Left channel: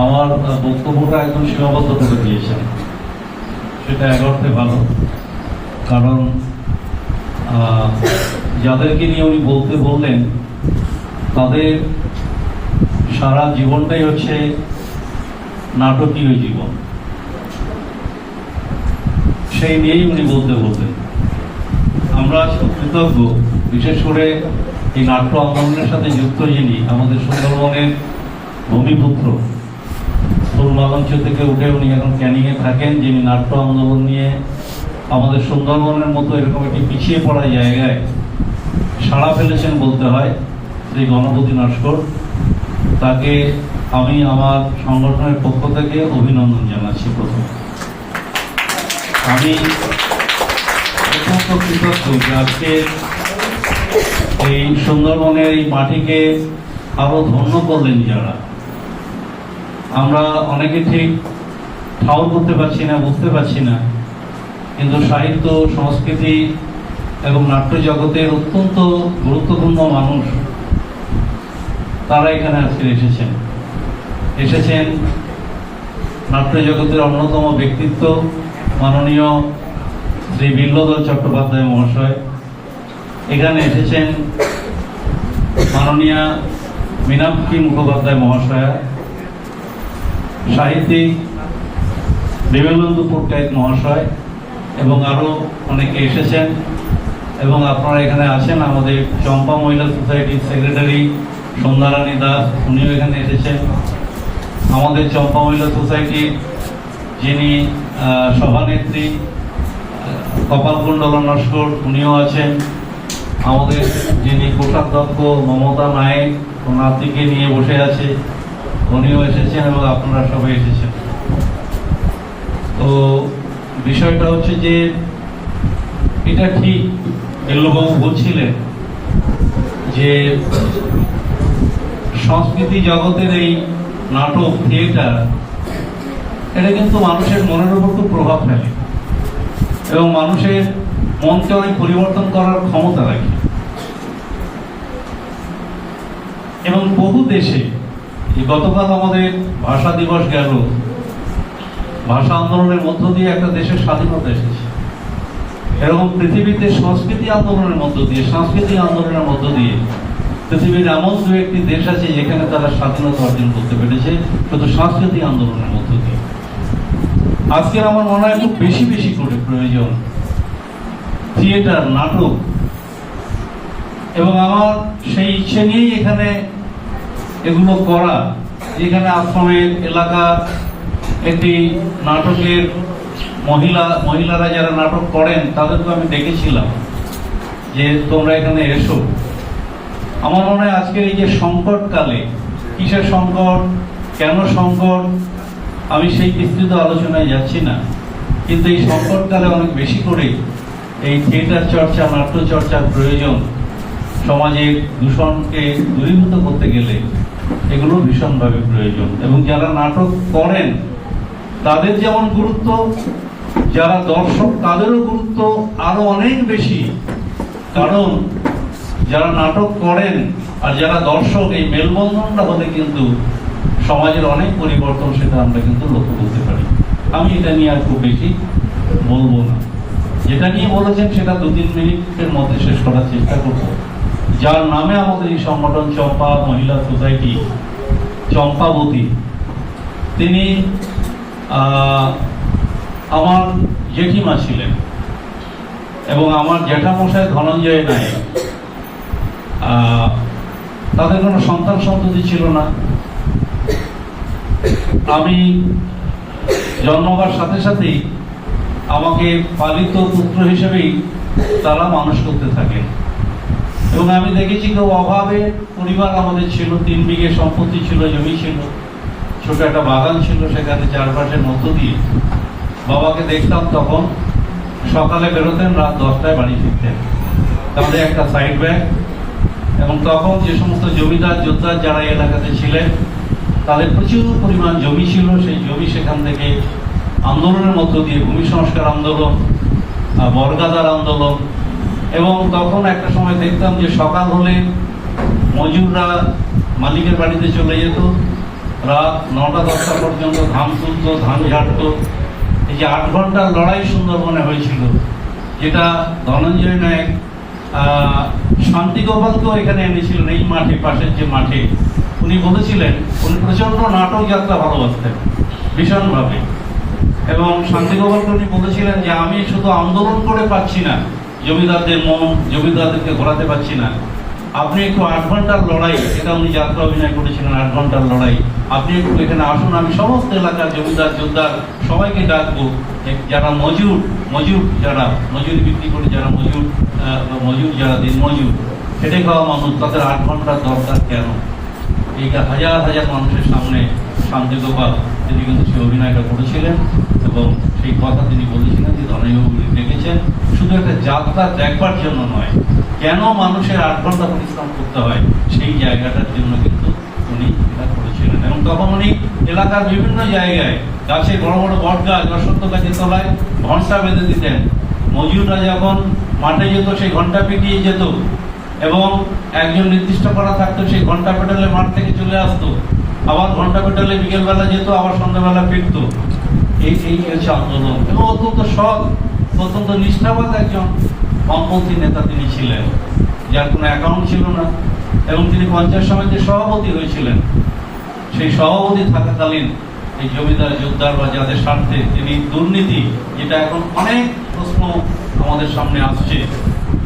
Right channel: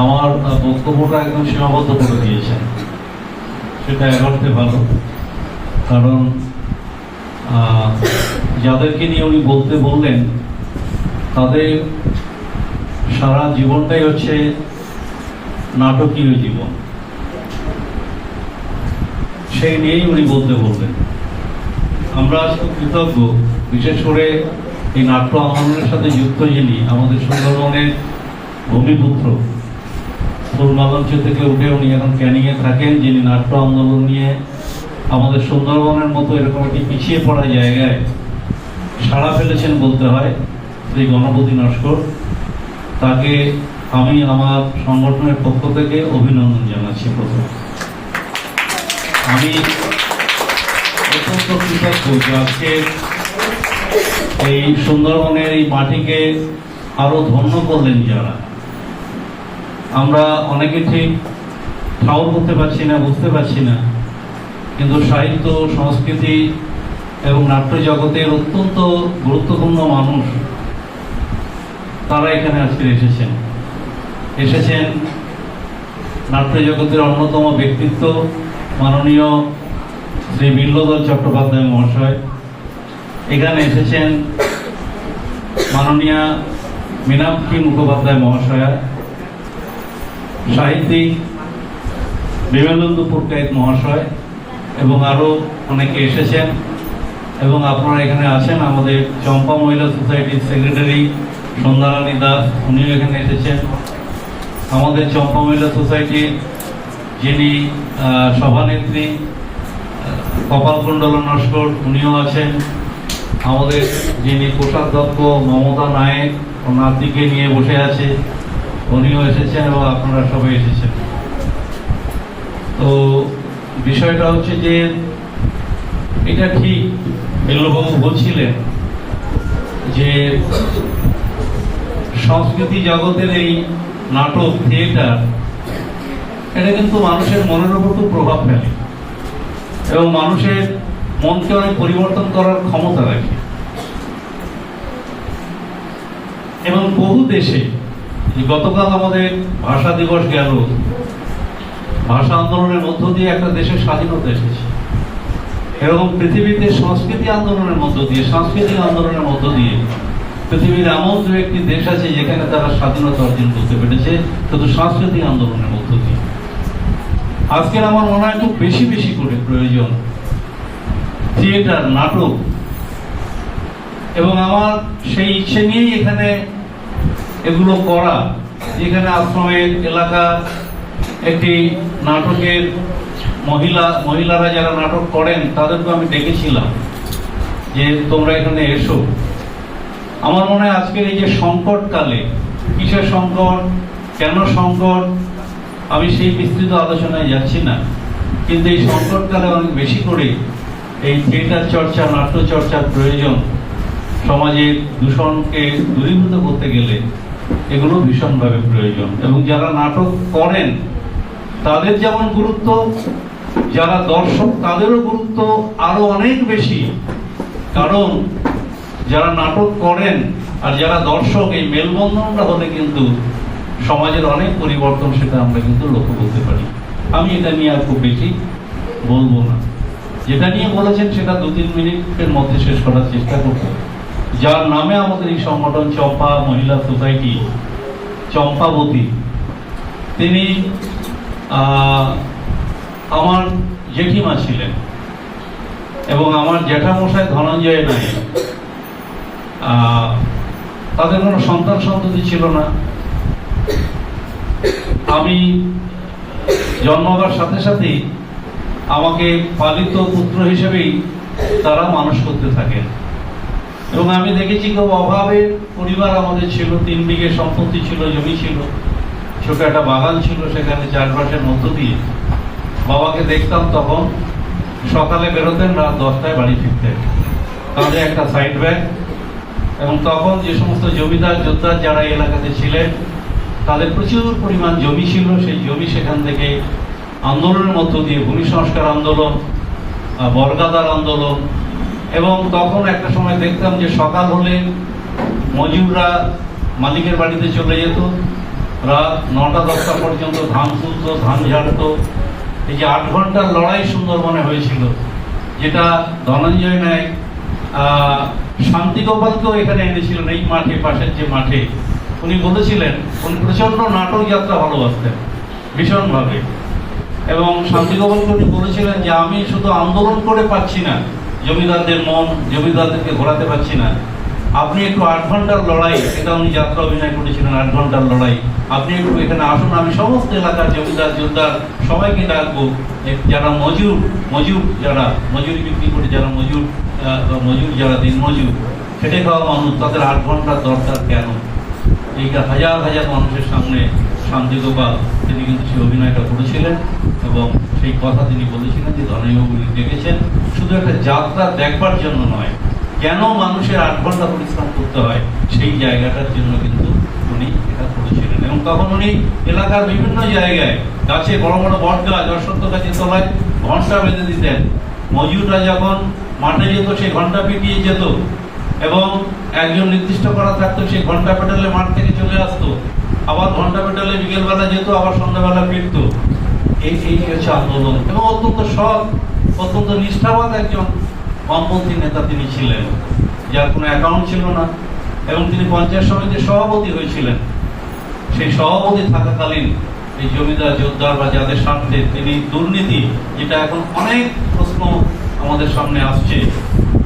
আমার বক্তব্যটা একদম সীমাবদ্ধ করে দিয়েছেন, সেটা এক অর্থে ভালো। কারণ যাদেরকে নিয়ে উনি বলতে বললেন তাদের সারা জীবনটাই হচ্ছে নাটকীয় জীবন, সেই নিয়েই উনি বলতে বললেন। আমরা খুব কৃতজ্ঞ, বিশেষ করে এই নাট্য আন্দোলনের সাথে যুক্ত যিনি আমাদের সুন্দরবনের ভূমিপুত্র, ফুলমালঞ্চ থেকে উঠে উনি এখন ক্যানিংয়ে থাকেন, যিনি নাট্য আন্দোলন নিয়ে আমাদের সুন্দরবনের মতো এরকম একটি পিছিয়ে পড়া জায়গায় সাড়া ফেলেছেন বলতে হয়, শ্রী গণপতি নস্কর। তাকে আমি আমার সংগঠনের পক্ষ থেকে অভিনন্দন জানাচ্ছি। প্রথম আমি অত্যন্ত কৃতজ্ঞ যে আজকে এই সুন্দরবনের এই মাটিকে আরো ধন্য করলেন যারা। আমরা অনেকে ঠিক ঠাউর করতে পারছি না, বুঝতে পারছি না, কিন্তু সাহিত্য, সংস্কৃতি এবং নাট্য জগতের অত্যন্ত গুরুত্বপূর্ণ মানুষ তারা এখানে আজকে এসেছেন। নাট্য জগতের অন্যতম ব্যক্তিত্ব মাননীয় শ্রী বিল্লধর চট্টোপাধ্যায় মহাশয়, এখানে এসেছেন মাননীয়া মীনাক্ষী মুখোপাধ্যায় মহাশয়া, সাহিত্যিক বিমলেন্দু পট্টনায়ক মহাশয় এবং আরো অনেকে এসেছেন। এবং আপনারা এখানে আছেন, আমাদের চম্পা মহিলা সোসাইটির সেক্রেটারি সন্ধ্যারানী দাস, উনিও এখানে এসেছেন। আমাদের চম্পা মহিলা সোসাইটির যিনি সভানেত্রী কপালকুণ্ডল নস্কর, উনিও আছেন। আমাদের যিনি কোষাধ্যক্ষ মমতা নায়েক, ও নাতিকে নিয়ে বসে আছে, উনিও এসেছেন এবং আপনারা সবাই এসেছেন। তো বিষয়টা হচ্ছে যে এটা ঠিক বিল্লবাবু বলছিলেন যে সংস্কৃতি জগতের এই নাটক, থিয়েটার, এটা কিন্তু মানুষের মনের উপর খুব প্রভাব ফেলে এবং মানুষের মনকে অনেক পরিবর্তন করার ক্ষমতা রাখে। এবং বহু দেশে, গতকাল আমাদের ভাষা দিবস গেল, ভাষা আন্দোলনের মধ্য দিয়ে একটা দেশের স্বাধীনতা এসেছে। এরকম পৃথিবীতে সংস্কৃতি আন্দোলনের মধ্য দিয়ে, সাংস্কৃতিক আন্দোলনের মধ্য দিয়ে পৃথিবীর এমন দু একটি দেশ আছে যেখানে তারা স্বাধীনতা অর্জন করতে পেরেছে শুধু সাংস্কৃতিক আন্দোলনের মধ্য দিয়ে। আজকে আমার মনে হয় খুব বেশি বেশি করে প্রয়োজন থিয়েটার, নাটক। এবং আমার সেই ইচ্ছে নিয়েই এখানে এগুলো করা। যেখানে আশ্রমের এলাকা একটি নাটকের মহিলারা যারা নাটক করেন তাদেরকে আমি ডেকেছিলাম যে তোমরা এখানে এসো। আমার মনে হয় আজকের এই যে সংকটকালে, কিসের সংকট, কেন সংকট, আমি সেই বিস্তৃত আলোচনায় যাচ্ছি না, কিন্তু এই সংকটকালে অনেক বেশি করে এই থিয়েটার চর্চা, নাট্য চর্চার প্রয়োজন। সমাজের দূষণকে দূরীভূত করতে গেলে এগুলো ভীষণভাবে প্রয়োজন। এবং যারা নাটক করেন তাদের যেমন গুরুত্ব, যারা দর্শক তাদেরও গুরুত্ব আরো অনেক বেশি। কারণ যারা নাটক করেন আর যারা দর্শক, এই মেলবন্ধনটা হলে কিন্তু সমাজের অনেক পরিবর্তন, সেটা আমরা কিন্তু লক্ষ্য করতে পারি। আমি এটা নিয়ে আর খুব বেশি বলবো না। যেটা নিয়ে বলেছেন সেটা 2-3 মিনিটের মধ্যে শেষ করার চেষ্টা করবো। যার নামে আমাদের এই সংগঠন চম্পা মহিলা সোসাইটি, চম্পাবতী, তিনি আমার জেঠিমা ছিলেন এবং আমার জ্যাঠামশাই ধনঞ্জয় নায়েক। তাদের কোনো সন্তান সন্ততি ছিল না। আমি জন্মাবার সাথে সাথেই আমাকে পালিত পুত্র হিসেবেই তারা মানুষ করতে থাকে। এবং আমি দেখেছি কেউ অভাবে পরিবার আমাদের ছিল, 3 বিঘে সম্পত্তি ছিল, জমি ছিল, ছোট একটা বাগান ছিল, সেখানে চারপাশের মধ্য দিয়ে বাবাকে দেখতাম। তখন সকালে বেরোতেন, রাত 10টায় বাড়ি ফিরতেন, তাদের একটা সাইড ব্যাগ। এবং তখন যে সমস্ত জমিদার যোদ্ধার যারা এলাকাতে ছিলেন তাদের প্রচুর পরিমাণ জমি ছিল। সেই জমি সেখান থেকে আন্দোলনের মধ্য দিয়ে, ভূমি সংস্কার আন্দোলন, বর্গাদার আন্দোলন, এবং তখন একটা সময় দেখতাম যে সকাল হলে মজুররা মালিকের বাড়িতে চলে যেত রাত 9টা-10টা পর্যন্ত ধান তুলতো, ধান ঝাড়তো। এই যে 8 ঘন্টার লড়াই সুন্দরবনে হয়েছিল, যেটা ধনঞ্জয় নায়ক শান্তি গোপালকেও এখানে এনেছিলেন, এই মাঠে, পাশের যে মাঠে। উনি বলেছিলেন উনি প্রচন্ড নাটক যাত্রা ভালোবাসতেন ভীষণভাবে, এবং শান্তি গোপালকে উনি বলেছিলেন যে আমি শুধু আন্দোলন করে পাচ্ছি না জমিদারদের মন, জমিদারদেরকে ঘোরাতে পারছি না, আপনি একটু 8 ঘন্টার লড়াই, এটা উনি যাত্রা অভিনয় করেছিলেন 8 ঘন্টার লড়াই, আপনি একটু এখানে আসুন, আমি সমস্ত এলাকার জমিদার যোদ্ধার সবাইকে ডাকবো, যারা মজুর যারা মজুরি বিক্রি করে, যারা মজুর যারা দিন মজুর খেটে খাওয়া মানুষ, তাদের 8 ঘন্টার দরকার কেন? এই হাজার হাজার মানুষের সামনে শান্তি গোপাল তিনি কিন্তু সেই অভিনয়টা করেছিলেন, এবং সেই কথা তিনি বলেছিলেন যে ধনঞ্জয়বাবু ডেকেছেন শুধু একটা যাত্রা দেখবার জন্য নয়, কেন মানুষের 8 ঘন্টা পরিশ্রম করতে হয় সেই জায়গাটার জন্য কিন্তু উনি এটা করেছিলেন। এবং তখন উনি এলাকার বিভিন্ন জায়গায় গাছে, বড় বড় বট গাছ, অশ্বত্থ গাছের তলায় ঘন্টা বেঁধে দিতেন। মজুররা যখন মাঠে যেত সেই ঘন্টা পিটিয়ে যেত, এবং একজন নির্দিষ্ট করা থাকতো, সেই ঘন্টা পেটালে মাঠ থেকে চলে আসতো, আবার ঘন্টা পেটালে বিকেলবেলা যেত, আবার সন্ধ্যাবেলা ফিরতো। এই হচ্ছে আন্দোলন। এবং অত্যন্ত সৎ, অত্যন্ত নিষ্ঠাবান একজন বামপন্থী নেতা তিনি ছিলেন, যার কোনো অ্যাকাউন্ট ছিল না, এবং তিনি পঞ্চায়েত সমিতির সভাপতি হয়েছিলেন। সেই সভাপতি থাকাকালীন এই জমিদার যোদ্ধার বা যাদের স্বার্থে তিনি দুর্নীতি, যেটা এখন অনেক প্রশ্ন আমাদের সামনে আসছে,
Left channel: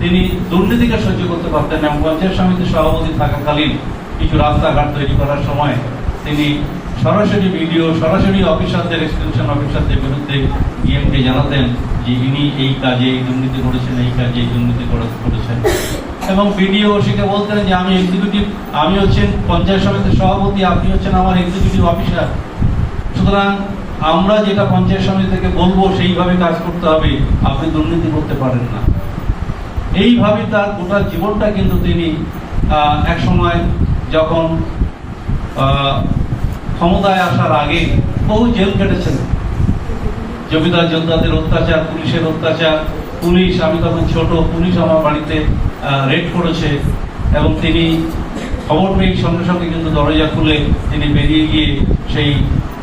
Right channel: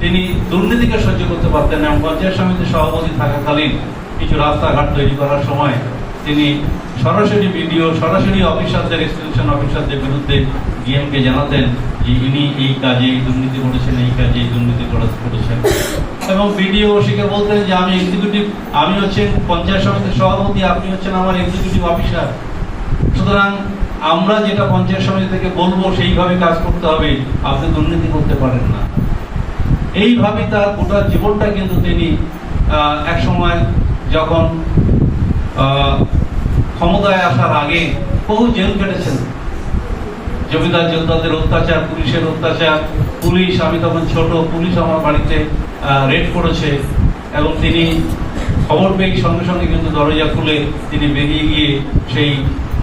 তিনি দুর্নীতিকে সহ্য করতে পারতেন না। পঞ্চায়েত সমিতির সভাপতি থাকাকালীন কিছু রাস্তাঘাট তৈরি করার সময় তিনি সরাসরি ভিডিও, সরাসরি অফিসারদের, এক্সটেনশন অফিসারদের বিরুদ্ধে ডিএমকে জানাতেন যে ইনি এই কাজে এই দুর্নীতি করেছেন, এই কাজে এই দুর্নীতি করেছেন। এবং বিডিও ওসিকে বলতেন যে আমি এক্সিকিউটিভ, আমি হচ্ছেন পঞ্চায়েত সমিতির সভাপতি, আপনি হচ্ছেন আমার এক্সিকিউটিভ অফিসার, সুতরাং আমরা যেটা পঞ্চায়েত সমিতি থেকে বলবো সেইভাবে কাজ করতে হবে, আপনি দুর্নীতি করতে পারেন না। এইভাবে তার গোটা জীবনটা কিন্তু তিনি এক সময় যখন ক্ষমতায় আসার আগে বহু জেল কেটেছেন। জমিদার যোদ্ধাদের অত্যাচার, পুলিশের অত্যাচার, পুলিশ, আমি তখন ছোট, পুলিশ আমার বাড়িতে রেড করেছে, এবং তিনি খবর পেয়ে সঙ্গে সঙ্গে কিন্তু দরজা খুলে তিনি বেরিয়ে গিয়ে সেই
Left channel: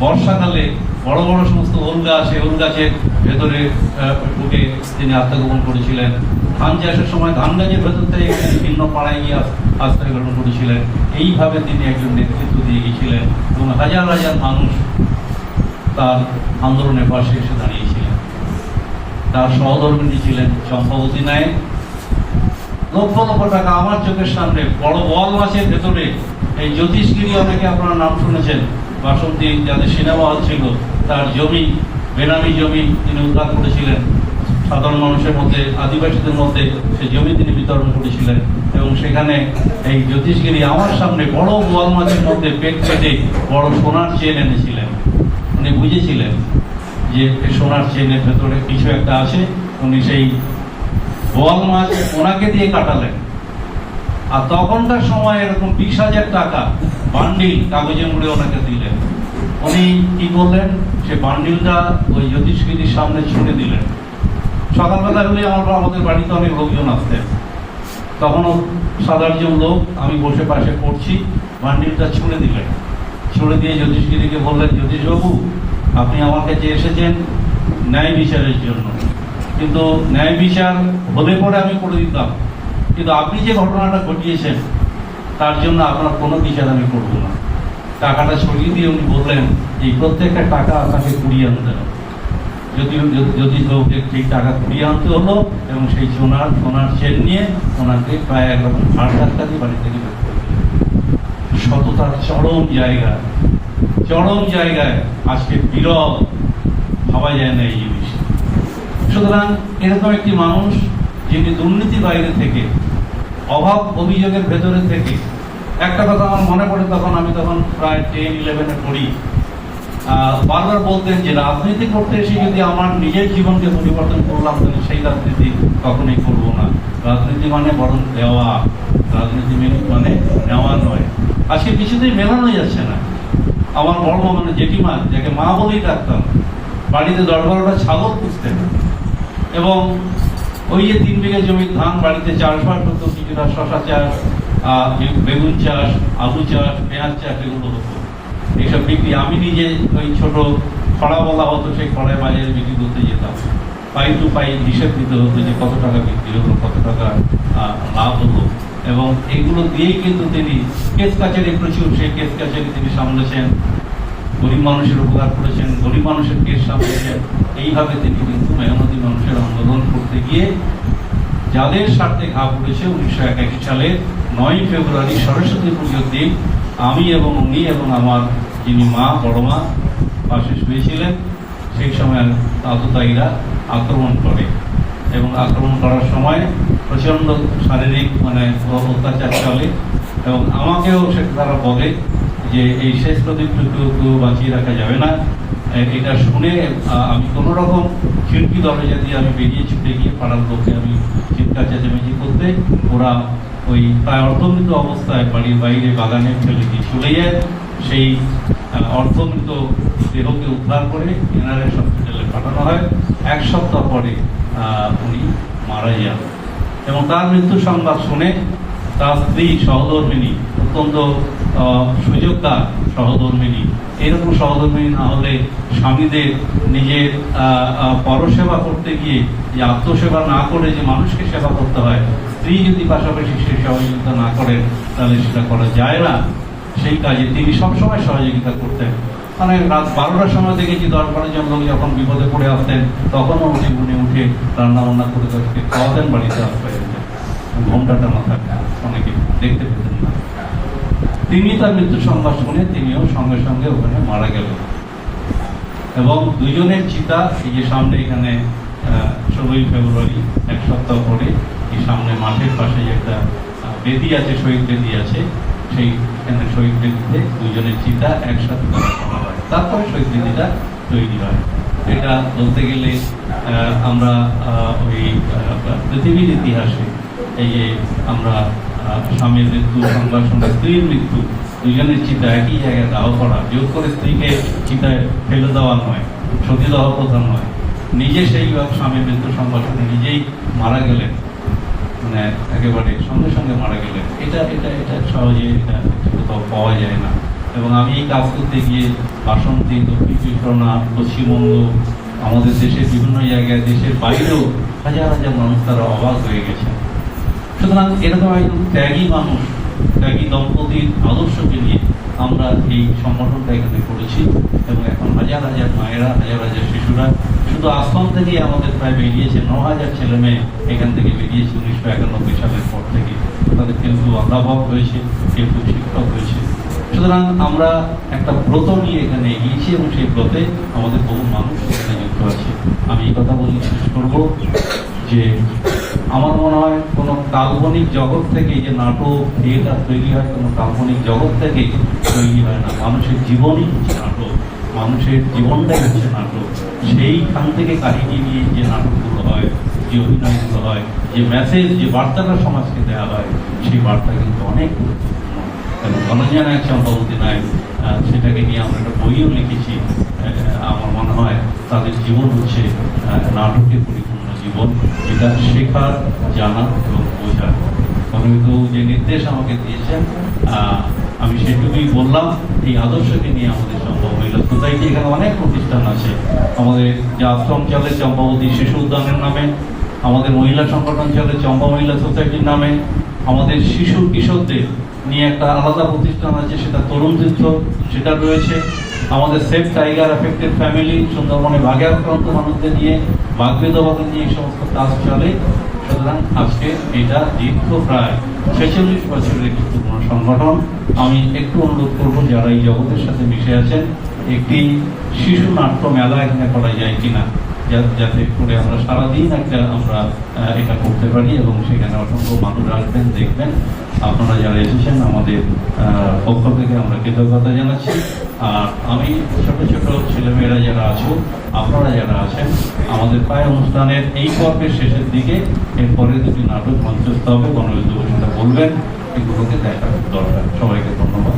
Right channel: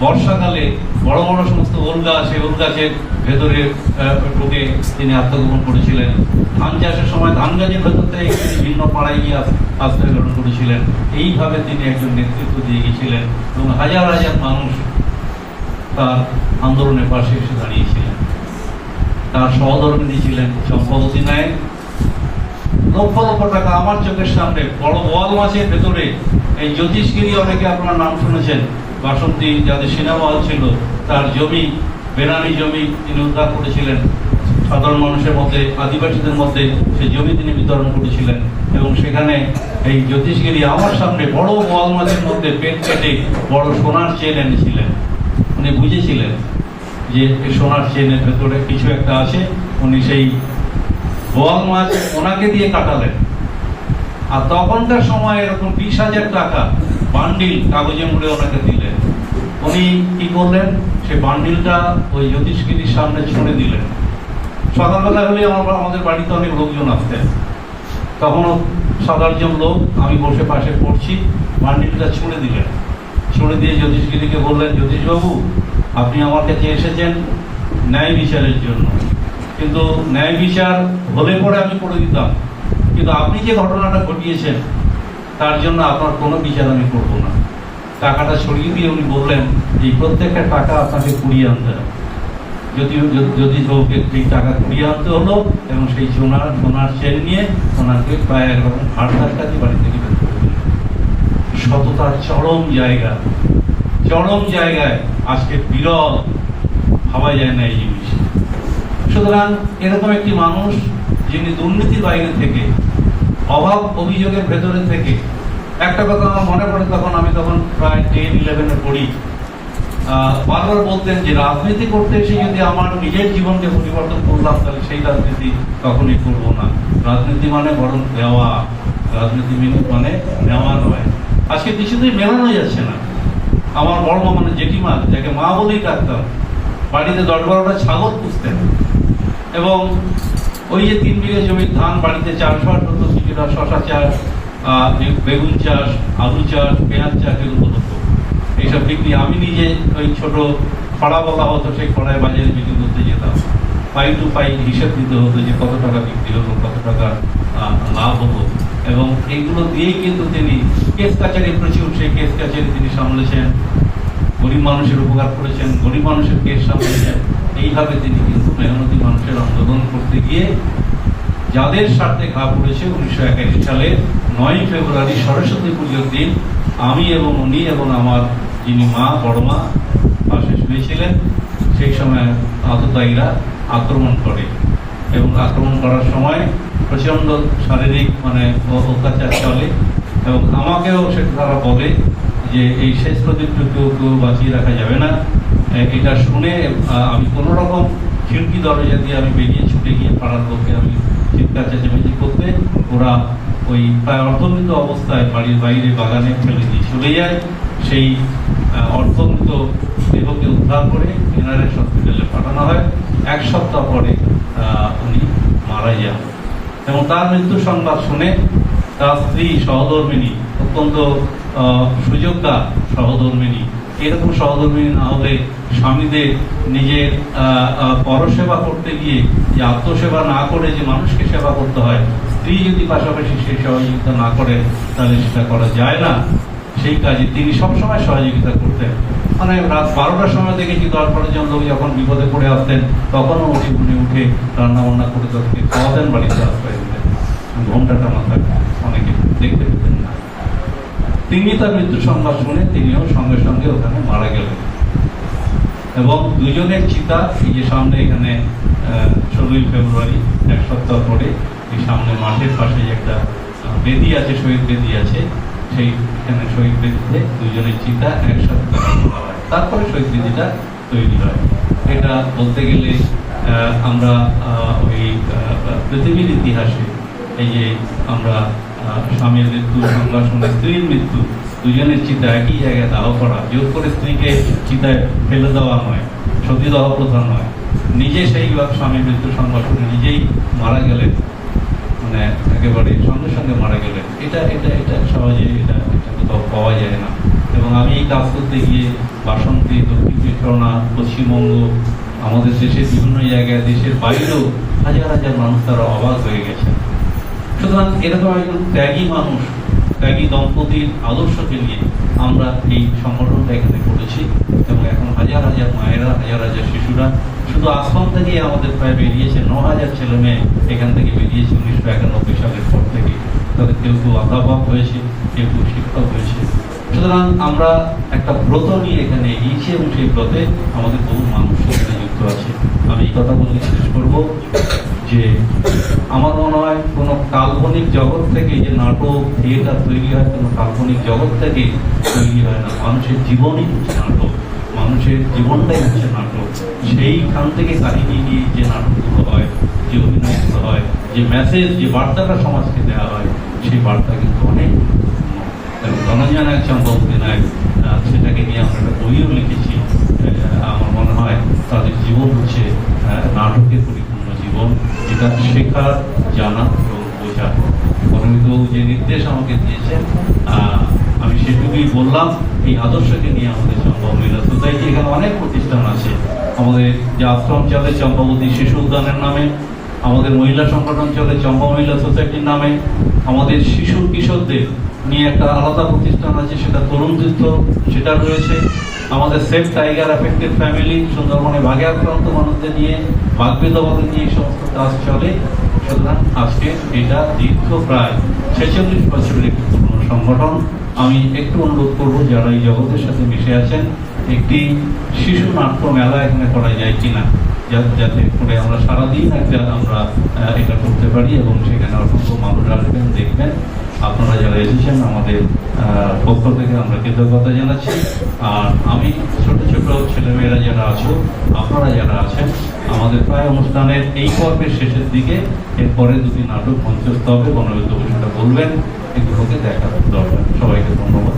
বর্ষাকালে বড় বড় সমস্ত ওল গাছ, সেই ওল গাছের ভেতরে ঢুকে তিনি আত্মগোপন করেছিলেন। ধান চাষের সময় ধান গাছের ভেতর থেকে তিনি ভিন্ন পাড়ায় গিয়ে আশ্রয় গ্রহণ করেছিলেন। এইভাবে তিনি একজন নেতৃত্ব দিয়ে গিয়েছিলেন, এবং হাজার হাজার মানুষ তার আন্দোলনের পাশে এসে দাঁড়িয়েছিলেন। তার সহধর্মিণী ছিলেন চম্পাবতী নায়ক। লক্ষ লক্ষ টাকা আমার চোখের সামনে বড় বোয়াল মাছের ভেতরে, এই জ্যোতিষগিরি, অনেকে আপনারা নাম শুনেছেন, বাসন্তী যাদের সিনেমা হল ছিল, তার জমি, বেনামি জমি তিনি উদ্ধার করেছিলেন। সাধারণ মানুষের মধ্যে, আদিবাসীদের মধ্যে সে জমি তিনি বিতরণ করেছিলেন, এবং সেখানে এই জ্যোতিষগিরি আমার সামনে বড় বোয়াল মাছের মধ্যে পেট কেটে বড় সোনার চেন এনেছিলেন। উনি বুঝেছিলেন যে সোনার চেনের ভেতরে কিছু একটা আছে। উনি সেই বোয়াল মাছ ওনাকে দিয়ে কাটালেন, আর তখনকার সময় এরকম 20,000 টাকা বান্ডিল কাগজে মুড়ে ওনাকে দিলেন। উনি কি করলেন, সে বান্ডিলটা ওই জ্যোতিষগিরির সামনে ছুঁড়ে দিলেন। সকালবেলা হলে আমাদের বাড়িতে অনেক লোকজন আসতেন, তখনও 7-8 লোক, আমি বসে পাশে পড়ছি, বান্ডিলটা ছুঁড়ে দিলেন। ছুঁড়ে দিয়ে জ্যোতিষগিরিকে বললেন, জ্যোতিষবাবু, আপনি আমার কাছে এসেছেন ন্যায় বিচারের জন্য, কিন্তু ন্যায় বিচার হলে পরে আমি করে দিতাম, কিন্তু আপনি যে ঘটনাটা ঘটিয়েছেন তার জন্য আপনার কোনো বিচার আমি করব না। টাকাটা ছড়িয়ে দিয়ে উনি বললেন, এই প্রত্যেকটা টাকা আপনাকে কুড়িয়ে আনতে হবে। জ্যোতিষবাবুকে ঠিক টাকা কুড়িয়ে আনতে হলো, এবং সেই সোনার চেন নিয়ে ওনাকে প্রায় একরকম 8,000 টাকা বাড়ি থেকে বের করে দিলেন। সততার চরম জায়গায় আজকে বিরল, ভাবা যায় না এই জিনিস। সুতরাং এরকম একটি মানুষ, যিনি দুর্নীতি বাইরে থেকে, অভাব অভিযোগের ভেতরে থেকে, একটা কথা আমার মনে পড়ে, আমি তখন প্রায় 10-11-এ পড়ি, বারবার বলতেন যে রাজনীতি করতে এসে যদি আমার নিজের জীবনকে পরিবর্তন করলাম, তাহলে সেই রাজনীতি কখনোই করবো না। রাজনীতি মানে বরং দেওয়া, রাজনীতি মানে নেওয়া নয়। আজকে কিছুতেই মেলানো যাচ্ছে না। আমার বড় মানে জেঠিমা, যাকে মা বলেই ডাকতাম, বাড়িতে 10-12টা ছাগল পুষতেন, এবং ওই যে 3 বিঘা জমির ধান বাড়িতে চাষবাস হতো, কিছুটা শশা চাষ, বেগুন চাষ, আলু চাষ, পেঁয়াজ চাষ, এগুলো হতো। এইসব বিক্রি। আমি নিজে ওই ছোট খড়া বলা হতো, সেই খড়ায় বাজারে বিক্রি করতে যেতাম, পাই টু পাই হিসেব দিতে হতো যে কত টাকা বিক্রি হলো, কত টাকা লাভ হলো। এবং এইগুলো দিয়েই কিন্তু তিনি কেস কাছারি প্রচুর, সেই কেস কাছারি তিনি সামলেছেন, গরিব মানুষের উপকার করেছেন, গরিব মানুষের কেস সামলেছেন। এইভাবে তিনি কিন্তু মেহনতি মানুষের আন্দোলন করতে গিয়ে যাদের স্বার্থে ঘা পড়েছে 1981 সালে 9 ফেব্রুয়ারি সরস্বতী পুজোর দিন আমি এবং উনি এবং আমার যিনি মা, বড় মা পাশে শুয়েছিলেন, সেই সময় আততায়ীরা আক্রমণ করে এবং আক্রমণ করার সময় প্রচন্ড শারীরিক অত্যাচার চলে। এবং আমাকেও সে তারা বলে যে এই শেষ প্রদীপ কেউ বাঁচিয়ে রাখা যাবে না। এটা শুনে আমি কোনো রকম খিড়কি দরজা দিয়ে আমি বেরিয়ে ছুটে গিয়ে পাড়ার লোককে আমি চিৎকার চেঁচামেচি করতে, ওরা ওই প্রায় অর্ধমৃত অবস্থায় বাড়ির বাইরে বাগানে ফেলে দিয়ে চলে যায়। সেই অর্ধমৃত দেহকে উদ্ধার করে এনআরএস হসপিটালে পাঠানো হয়। 1 সপ্তাহ পরে উনি মারা যান এবং তার মৃত্যু সংবাদ শুনে তার স্ত্রী সহধর্মিনী, অত্যন্ত সুযোগ্যা সহধর্মিনী, এরকম সহধর্মিনী না হলে স্বামীদের নিজের পরসেবা করতে গিয়ে যে আত্মসেবা না করে যে মানুষকে সেবা করতে হয়, স্ত্রী যদি পাশাপাশি সেই সহযোগিতা না করেন তাহলে সেটা করা যায় না। সেই কাজে তিনি সবসময় সহযোগিতা করতেন। রাত 12টার সময় দেখেছি 10-12 জন লোক যখন বিপদে পড়ে আসতেন তখনও উনি উঠে রান্না বান্না করে তাদেরকে খাওয়াতেন, বাড়িতে আসতে ঘন্টাটা মাথা অনেকে দেখতে পেতেন না। তিনি তার মৃত্যু সংবাদ শুনে তিনিও সঙ্গে সঙ্গে ওখানে মারা গেলেন এবং দুজনের চিতা এই যে সামনে এখানে 16 ফেব্রুয়ারি 1 সপ্তাহ পরে এই সামনে মাঠের পাশে একটা বেদি আছে, শহীদ বেদি আছে, সেইখানে শহীদ বেদিতে দুজনের চিতা একসাথে করা হয়, তারপরে শহীদ বেদিটা তৈরি হয়। এটা বলতে গেলে আমরা ওই পৃথিবীর ইতিহাসে এই যে আমরা স্বামীর মৃত্যু, সংঘর্ষণের স্ত্রীর মৃত্যু, দুজনের চিতা একই জায়গায় দাহ করা, জোর করে স্ত্রীকে চিতায় ফেলে দেওয়া নয়, সতীদাহ প্রথা নয়, নিজে সেই স্বামীর মৃত্যু সংঘর্ষণে নিজেই মারা গেলেন, একেবারে সঙ্গে সঙ্গে মারা গেলেন। এটা সহজে এটা কোথাও পাওয়া যায় না। এবং আমি এই কাজ করতে গিয়ে বাসন্তী, দক্ষিণ চব্বিশ পশ্চিমবঙ্গ, আমাদের দেশের বিভিন্ন জায়গায়, দেশের বাইরেও হাজার হাজার মানুষ তারা অবাক হয়ে গেছে। সুতরাং এরকম একজন ত্যাগী মানুষ, ত্যাগী দম্পতির আদর্শকে নিয়ে আমরা এই সংগঠনটা এখানে করেছি এবং এখন হাজার হাজার মায়েরা, হাজার হাজার শিশুরা, শুধু আশ্রম থেকে আমাদের প্রায় বেরিয়েছে 9,000 ছেলে মেয়ে এখান থেকে বেরিয়েছে 1991 সালের পর থেকে। তাদের কেউ অধ্যাপক হয়েছে, কেউ শিক্ষক হয়েছে। সুতরাং আমরা একটা ব্রত নিয়ে এখানে এগিয়েছি এবং সেই ব্রতে আমাদের বহু মানুষ এখানে যুক্ত আছে। আমি এই কথা বলে শেষ করবো যে আমার মনে হয় কোনো কাল্পনিক জগৎ থেকে যে নাটক, থিয়েটার তৈরি হয়, কোনো কাল্পনিক জগৎ থেকে তৈরি হয় না। মানুষের জীবনই হচ্ছে নাটক, মানুষের জীবনটাই হচ্ছে নাটক। সেইখান থেকে কাহিনী নিয়ে যে নাটকগুলো হয়, যে অভিনয়গুলো হয়, যে মেসেজ, যে বার্তাটা সমাজকে দেওয়া হয়, সেই বার্তা কিন্তু অনেক এবং ধনঞ্জয় নায়ক, চম্পাবতী নায়ক, সেটাকে নিয়ে আমরা একটা বইও লিখেছি। আমার মনে হয় তাদের জীবন হচ্ছে নাটকের পরিপূর্ণ জীবন, যেটা শেখার, জানা এবং বোঝা। পরমিতবাবু যে নির্দেশ আমাকে দিয়েছেন আমি সেটুকুই বললাম। এই আদর্শকে নিয়ে আমাদের চম্পা মহিলা সোসাইটি, এখানে অনেক প্রতিষ্ঠান আছে। আমাদের যে আশ্রম চলে চম্পাবতী শিশু উদ্যানের নামে, আমাদের মহিলা সংগঠন চলে চম্পা মহিলা সোসাইটির নামে, আমাদের শিশু কিশোরদের নিয়ে একটা আলাদা প্রতিষ্ঠান আছে, সেটা তরুণ তীর্থ, সেটা রয়েছে। আমাদের সেফ টাইগার এফেক্টেড ফ্যামিলি, সুন্দরবনে বাঘে আক্রান্ত মানুষদের নিয়ে, বাঘ বিধবাদের নিয়ে এই সমস্ত কাজ চলে। সুতরাং আজকে এটা দীর্ঘ প্রায় 46 বছরের একটি পুরনো সংগঠন। আমি একটু অনুরোধ করবো যারা এই জগতের সাথে মিশে আছেন, একটি শিশু নাট্য মেলা এখানে করা যায় কিনা, যাতে করে আমরা সারাদিন আমরা এটা করতে পারি এবং সেখানে অসংখ্য মানুষ আসবেন, দেখবেন। আপনারা যারা এসেছেন আমাদের পক্ষ থেকে আমরা কৃতজ্ঞতা জানাচ্ছি। আর আমি ছোট ছোট ছেলেমেয়েরা যারা আছো, আপনারা যারা আছেন, আমাদের প্রায় অনুষ্ঠানের এই পর্বের শেষের দিকে এরপরে দুটি নাটক মঞ্চস্থ হবে, গণবিদ্যুৎ সেটা বলবেন, এগুলোকে দেখার দরকার। সবাইকে ধন্যবাদ।